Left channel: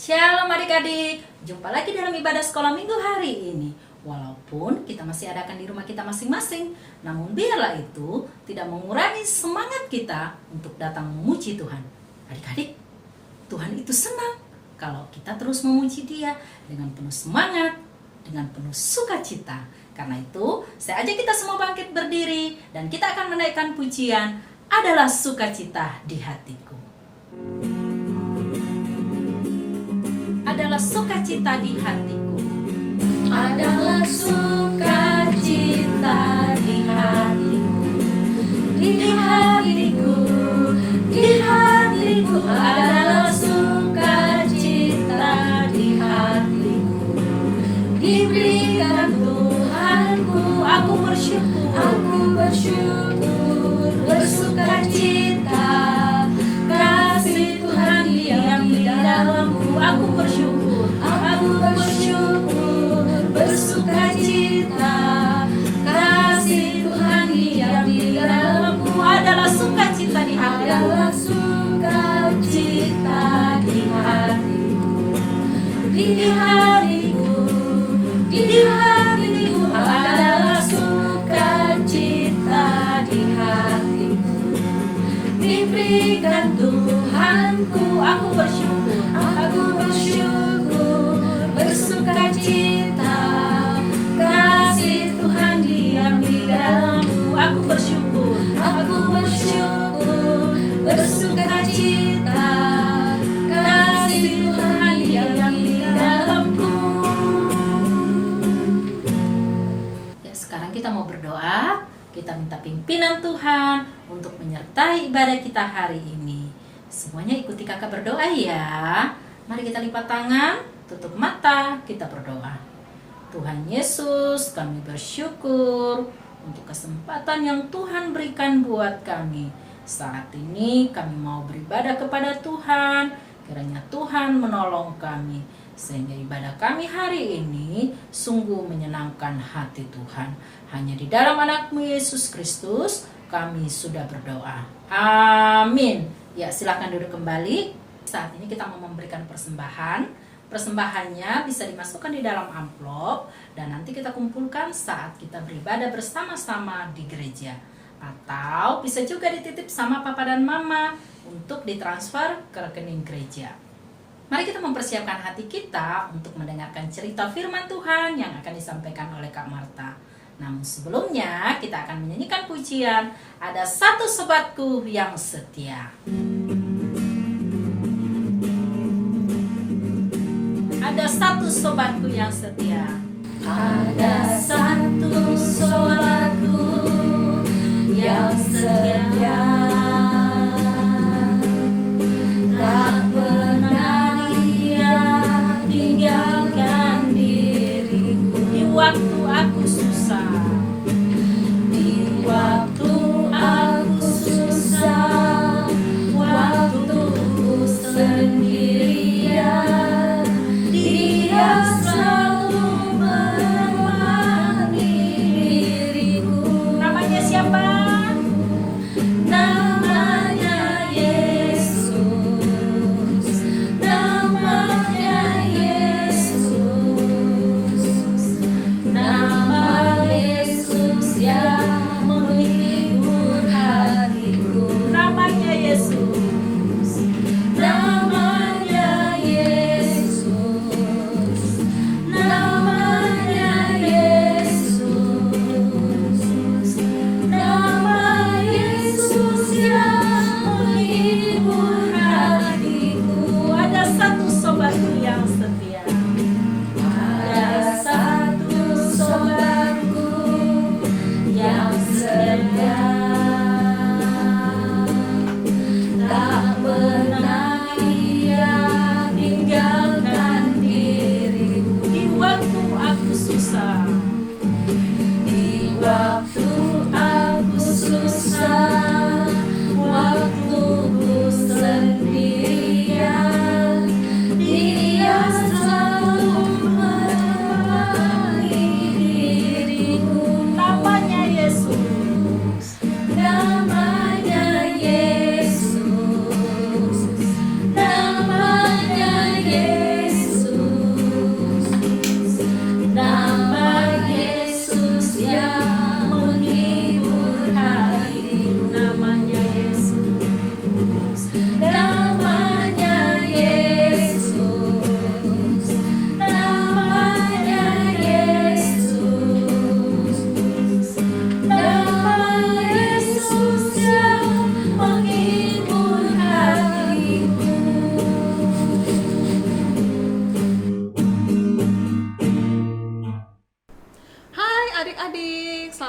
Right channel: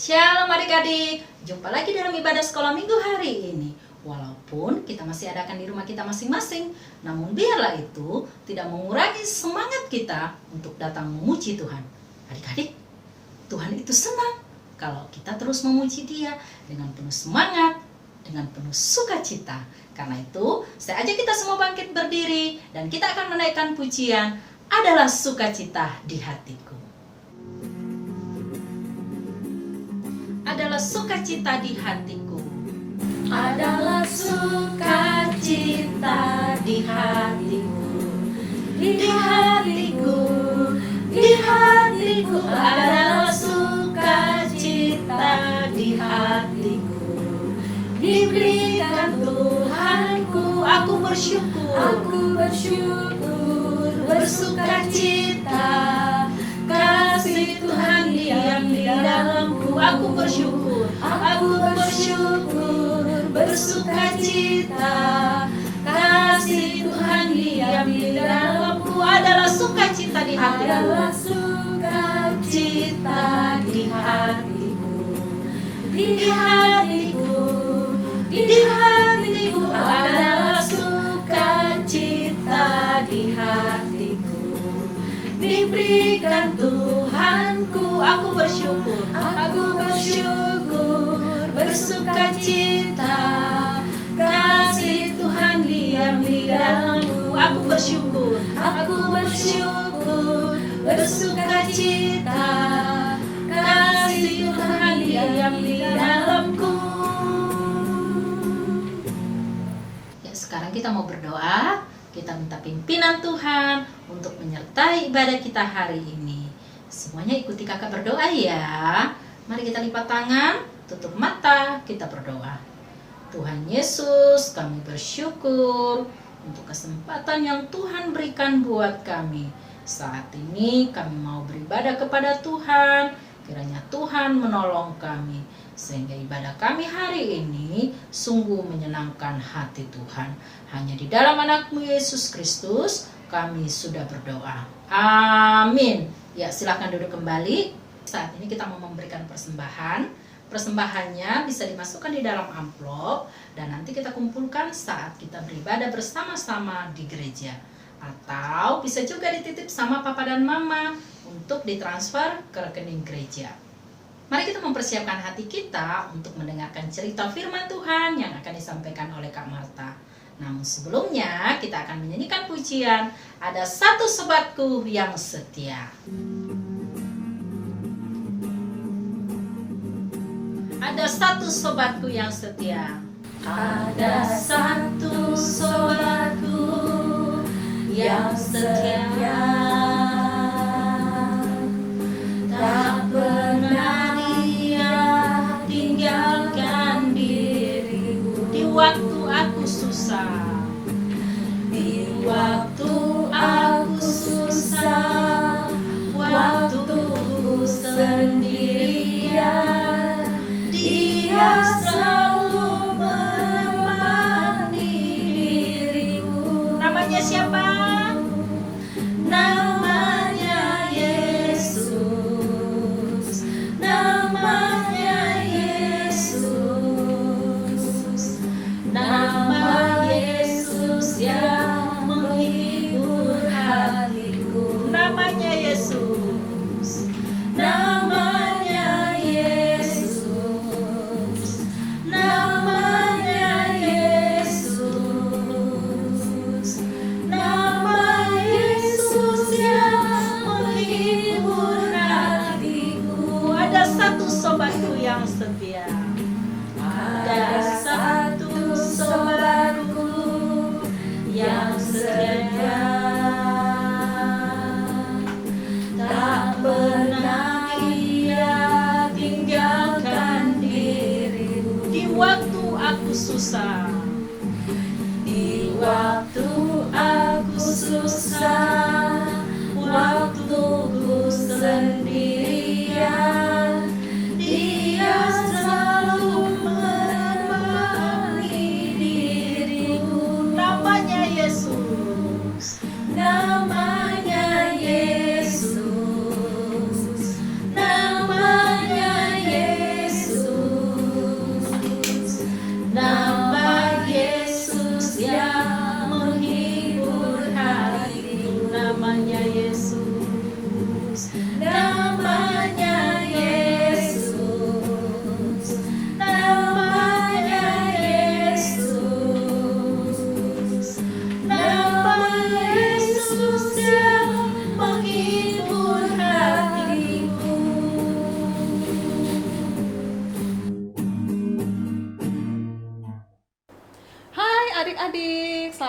Shalom adik-adik, jumpa lagi dalam ibadah sekolah minggu hari ini. Walaupun kita masih adakan di rumah kita masing-masing, namun biarlah itu tidak mengurangi semangat kita untuk datang memuji Tuhan. Adik-adik, Tuhan itu senang kalau kita terus memuji Dia dengan penuh semangat, dengan penuh sukacita. Karena itu, saya ajak kita semua bangkit berdiri dan kita akan menaikkan pujian, adalah sukacita di hatiku. Adalah sukacita di hatiku. Adalah sukacita di hatiku. Di hatiku, di hatiku. Adalah sukacita di hatiku. Diberikan Tuhanku, aku bersyukur. Aku bersyukur, bersukacita. Kasih Tuhan diam di dalamku. Aku bersyukur, bersukacita. Kasih Tuhan diam di dalamku. Adalah sukacita di hatiku. Adalah sukacita di hatiku. Di hatiku, di hatiku. Adalah sukacita di hatiku. Diberikan Tuhanku, aku bersyukur. Bersukacita. Kasih Tuhan diam di dalamku. Aku bersyukur. Bersukacita. Kasih Tuhan diam di dalamku. Ya, sekarang kita mau berdoa. Kita minta pimpinan Tuhan untuk menyertai ibadah kita hari ini. Semuanya ikuti kakak berdoa ya. Mari kita lipat tangan, tutup mata, kita berdoa. Tuhan Yesus, kami bersyukur untuk kesempatan yang Tuhan berikan buat kami. Saat ini kami mau beribadah kepada Tuhan. Kiranya Tuhan menolong kami, sehingga ibadah kami hari ini sungguh menyenangkan hati Tuhan. Hanya di dalam anak-Mu Yesus Kristus kami sudah berdoa. Amin. Ya, silakan duduk kembali. Saat ini kita mau memberikan persembahan. Persembahannya bisa dimasukkan di dalam amplop dan nanti kita kumpulkan saat kita beribadah bersama-sama di gereja. Atau bisa juga dititip sama papa dan mama untuk ditransfer ke rekening gereja. Mari kita mempersiapkan hati kita untuk mendengarkan cerita firman Tuhan yang akan disampaikan oleh Kak Marta. Namun sebelumnya kita akan menyanyikan pujian, ada satu sobatku yang setia. Ada satu sobatku yang setia. Ada satu sobatku yang setia. Tak pernah dia tinggalkan diriku di waktu aku susah. Di waktu aku susah, waktu ku sendirian, Dia selalu menemani diriku. Namanya siapa? Namanya Yesus. Namanya Yesus. Nama Yesus yang menghibur hatiku. Namanya Yesus. Namanya Yesus. Namanya Yesus. Nama Yesus yang menghibur hatiku. Ada satu sobatku yang setia. Ada satu sobatku yang setia. Tak pernah ia tinggalkan diriku di waktu aku susah. Di waktu aku susah, waktu ku sendirian, Dia selalu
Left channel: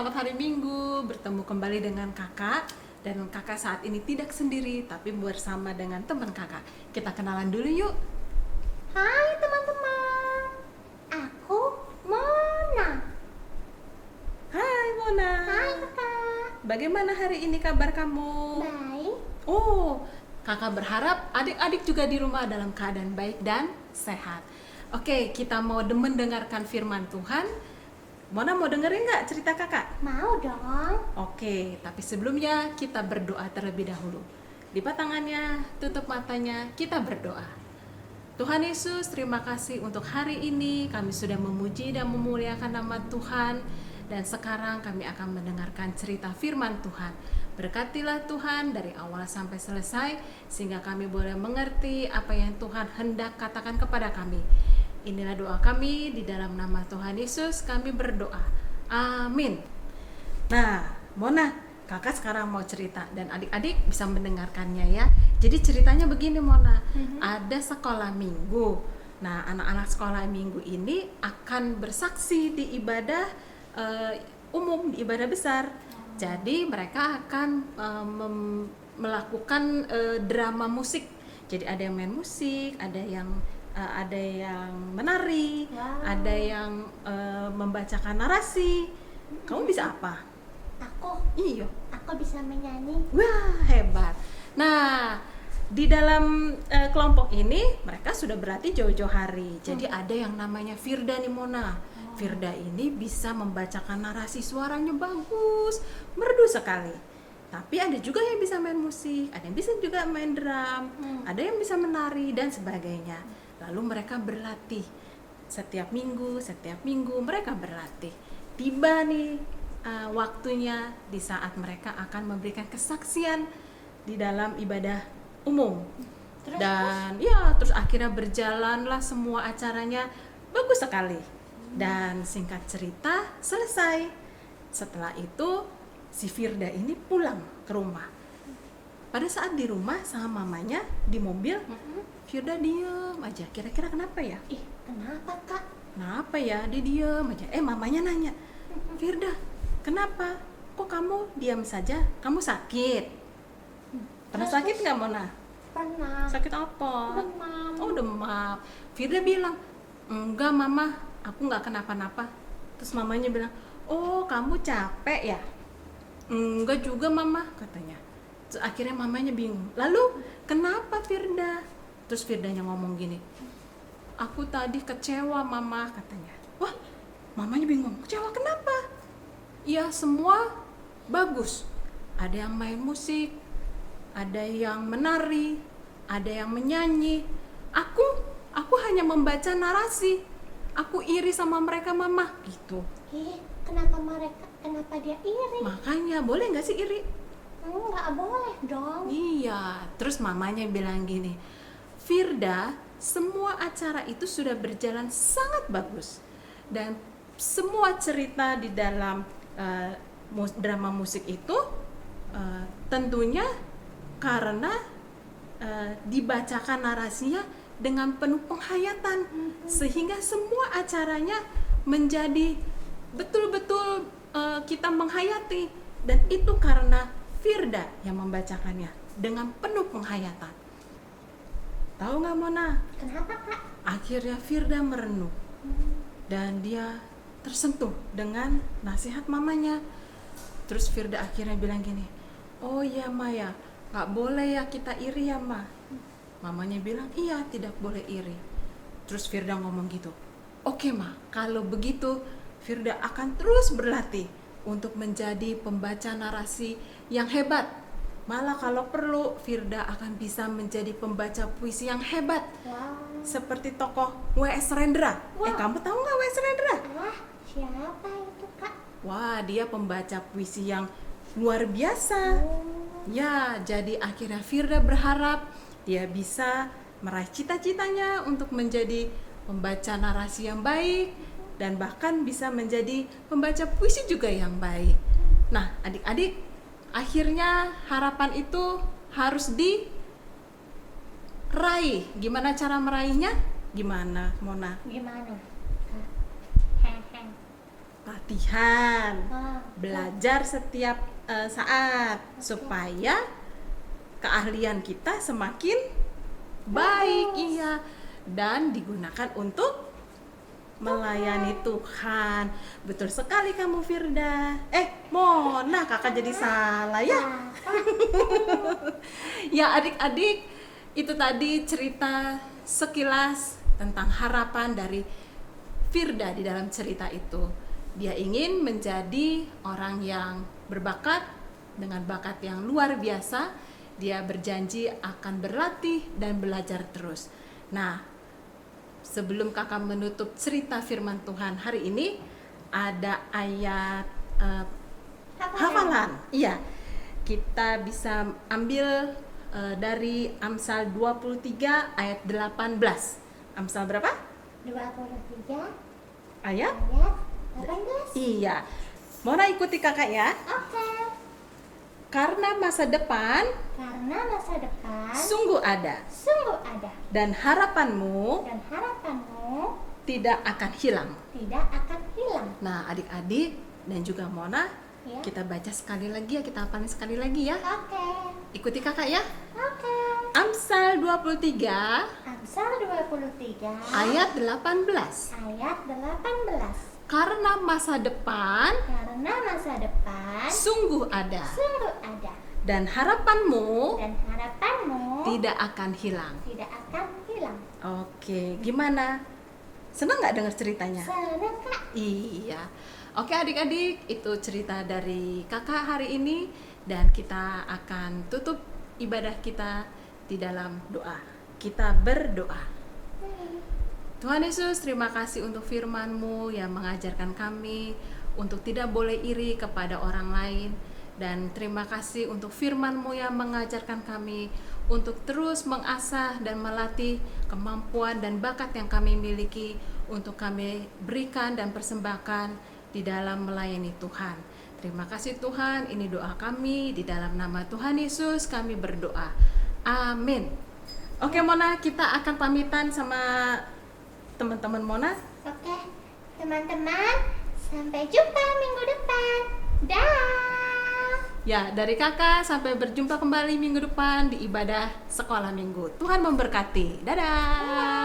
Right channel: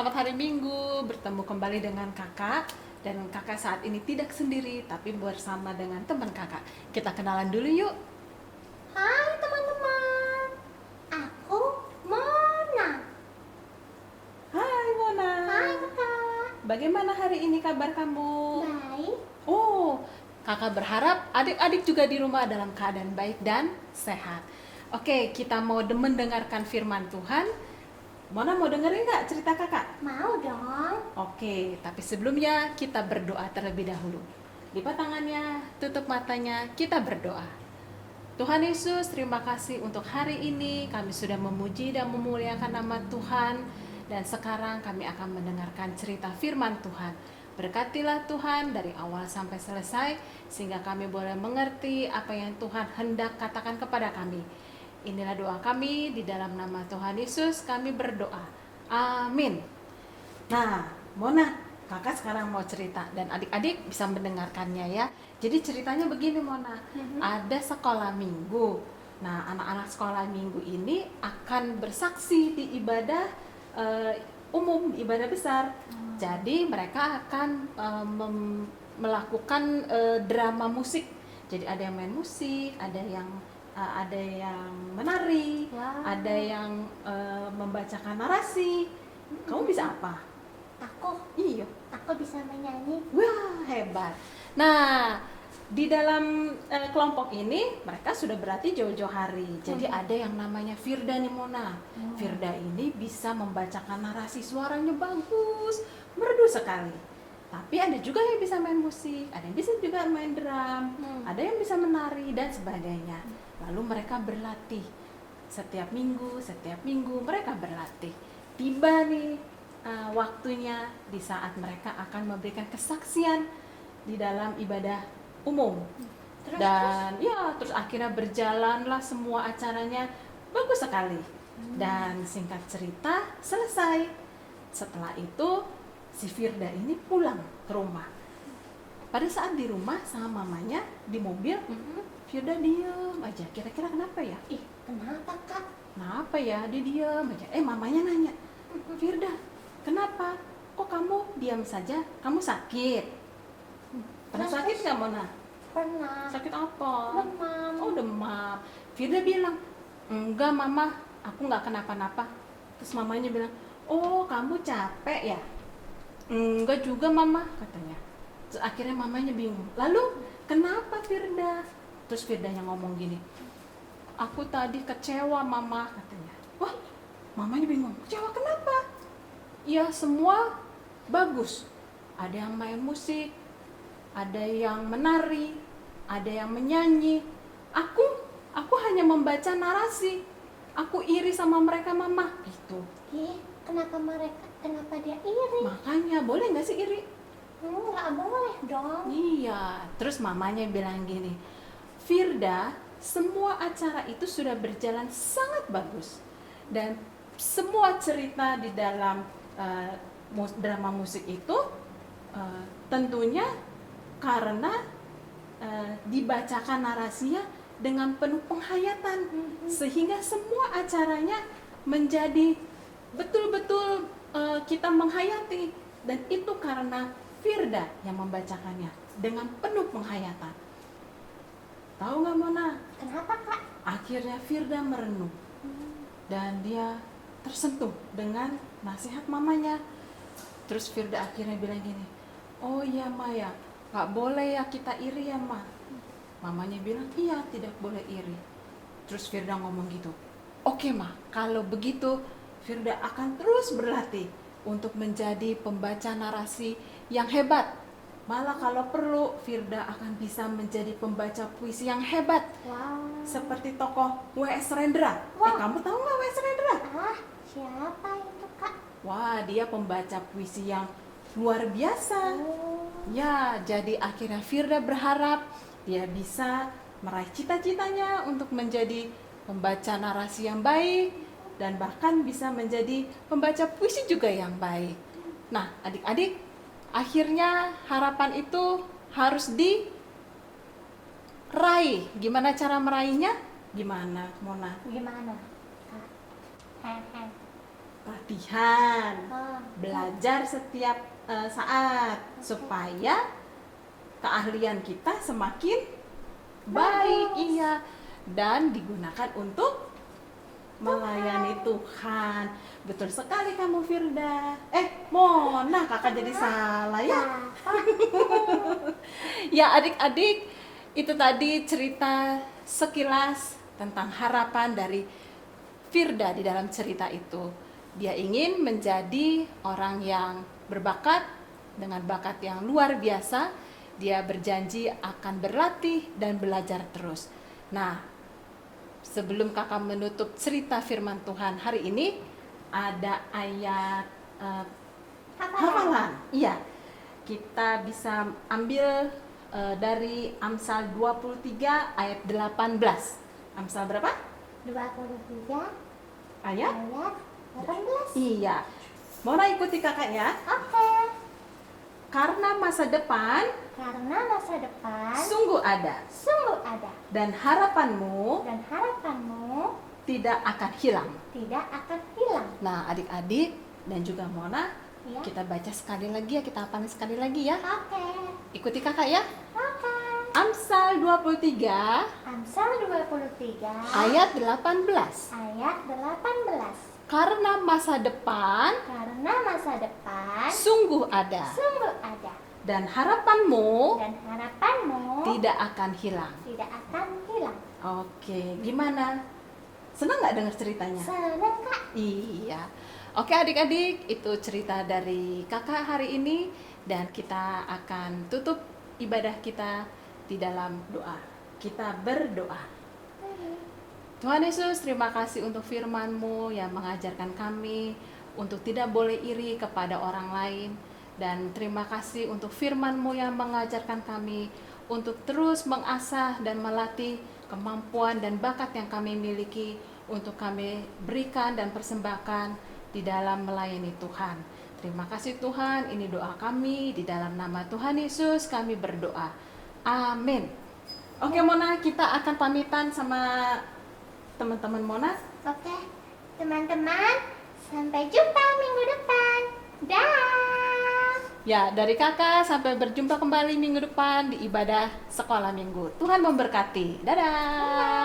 selamat hari Minggu. Bertemu kembali dengan kakak. Dan kakak saat ini tidak sendiri, tapi bersama dengan teman kakak. Kita kenalan dulu yuk. Hai teman-teman, aku Mona. Hai Mona. Hai kakak. Bagaimana hari ini kabar kamu? Baik. Oh, kakak berharap adik-adik juga di rumah dalam keadaan baik dan sehat. Oke, kita mau mendengarkan firman Tuhan. Mona mau dengerin nggak cerita kakak? Mau dong. Oke, tapi sebelumnya kita berdoa terlebih dahulu. Lipat tangannya, tutup matanya, kita berdoa. Tuhan Yesus, terima kasih untuk hari ini. Kami sudah memuji dan memuliakan nama Tuhan. Dan sekarang kami akan mendengarkan cerita firman Tuhan. Berkatilah Tuhan dari awal sampai selesai, sehingga kami boleh mengerti apa yang Tuhan hendak katakan kepada kami. Inilah doa kami, di dalam nama Tuhan Yesus kami berdoa. Amin. Nah, Mona, kakak sekarang mau cerita dan adik-adik bisa mendengarkannya ya. Jadi ceritanya begini Mona, ada sekolah minggu. Nah, anak-anak sekolah minggu ini akan bersaksi di ibadah umum, di ibadah besar. Jadi mereka akan melakukan drama musik. Jadi ada yang main musik, ada yang menari, Wow. ada yang membacakan narasi. Kamu bisa apa? Iya. Aku bisa menyanyi. Wah, hebat. Nah, di dalam kelompok ini mereka sudah berlatih jauh-jauh hari. Jadi ada yang namanya Firda nih Mona. Firda ini bisa membacakan narasi, suaranya bagus, merdu sekali. Tapi ada juga yang bisa main musik, ada yang bisa juga main drum, ada yang bisa menari dan sebagainya. Lalu mereka berlatih setiap minggu mereka berlatih. Tiba nih waktunya di saat mereka akan memberikan kesaksian di dalam ibadah umum. Terus akhirnya berjalanlah semua acaranya bagus sekali. Dan singkat cerita selesai. Setelah itu si Firda ini pulang ke rumah. Pada saat di rumah sama mamanya di mobil, Firda diem aja. Kira-kira kenapa ya? Ih, kenapa kak? Kenapa ya? Dia diem aja. Mamanya nanya, Firda, kenapa? Kok kamu diam saja? Kamu sakit? Pernah sakit nggak Mona? Pernah. Sakit apa? Demam. Oh, demam. Firda bilang, enggak mama, aku nggak kenapa-napa. Terus mamanya bilang, oh kamu capek ya? Enggak juga mama, katanya. Terus akhirnya mamanya bingung. Lalu kenapa Firda? Terus Firdanya ngomong gini, aku tadi kecewa mama, katanya. Wah, mamanya bingung. Kecewa kenapa? Ya semua bagus. Ada yang main musik, ada yang menari, ada yang menyanyi. Aku hanya membaca narasi. Aku iri sama mereka mama, gitu. Ih, kenapa dia iri? Makanya boleh nggak sih iri? Nggak boleh dong. Iya. Terus mamanya bilang gini, Firda, semua acara itu sudah berjalan sangat bagus dan semua cerita di dalam drama musik itu tentunya karena dibacakan narasinya dengan penuh penghayatan, sehingga semua acaranya menjadi betul-betul kita menghayati, dan itu karena Firda yang membacakannya dengan penuh penghayatan. Tahu nggak Mona? Kenapa kak? Akhirnya Firda merenung dan dia tersentuh dengan nasihat mamanya. Terus Firda akhirnya bilang gini, oh iya Maya, nggak boleh ya kita iri ya Ma. Mamanya bilang, iya tidak boleh iri. Terus Firda ngomong gitu, oke Ma, kalau begitu Firda akan terus berlatih untuk menjadi pembaca narasi yang hebat. Malah kalau perlu Firda akan bisa menjadi pembaca puisi yang hebat. Wow. Seperti tokoh W.S. Rendra. Wah. Kamu tahu nggak W.S. Rendra? Siapa itu kak? Wah, dia pembaca puisi yang luar biasa. Ya, jadi akhirnya Firda berharap dia bisa meraih cita-citanya untuk menjadi pembaca narasi yang baik dan bahkan bisa menjadi pembaca puisi juga yang baik. Nah, adik-adik, akhirnya harapan itu harus diraih. Gimana cara meraihnya? Gimana, Mona? Gimana? latihan, Oh, belajar setiap saat supaya keahlian kita semakin baik, iya, dan digunakan untuk melayani Tuhan. Betul sekali kamu, Firda. Mona, kakak jadi salah ya. Ya adik-adik, itu tadi cerita sekilas tentang harapan dari Firda di dalam cerita itu. Dia ingin menjadi orang yang berbakat dengan bakat yang luar biasa. Dia berjanji akan berlatih dan belajar terus. Nah, sebelum kakak menutup cerita firman Tuhan hari ini, ada ayat hafalan. Iya, kita bisa ambil dari Amsal 23 ayat 18. Amsal berapa? 23 Ayat? ayat 18. Iya. Mona ikuti kakak ya. Oke. Karena masa depan Karena masa depan sungguh ada sungguh ada dan harapanmu dan harapanmu tidak akan hilang. tidak akan hilang. Nah, adik-adik dan juga Mona, Ya. kita baca sekali lagi ya, kita hafalin sekali lagi ya. Oke. Ikuti kakak ya. Oke. Amsal 23 Amsal 23 ayat 18. ayat 18. Karena masa depan Karena masa depan sungguh ada sungguh ada dan harapanmu dan harapanmu tidak akan hilang. tidak akan hilang. Oke, gimana? Senang nggak dengar ceritanya? Senang Kak. Iya. Oke adik-adik, itu cerita dari kakak hari ini dan kita akan tutup ibadah kita di dalam doa. Kita berdoa. Tuhan Yesus, terima kasih untuk firman-Mu yang mengajarkan kami untuk tidak boleh iri kepada orang lain. Dan terima kasih untuk firman-Mu yang mengajarkan kami untuk terus mengasah dan melatih kemampuan dan bakat yang kami miliki untuk kami berikan dan persembahkan di dalam melayani Tuhan. Terima kasih Tuhan, ini doa kami di dalam nama Tuhan Yesus kami berdoa. Amin. Oke Mona, kita akan pamitan sama teman-teman Mona. Oke, teman-teman, sampai jumpa minggu depan. Dah. Ya, dari kakak sampai berjumpa kembali minggu depan di ibadah sekolah minggu. Tuhan memberkati. Dadah.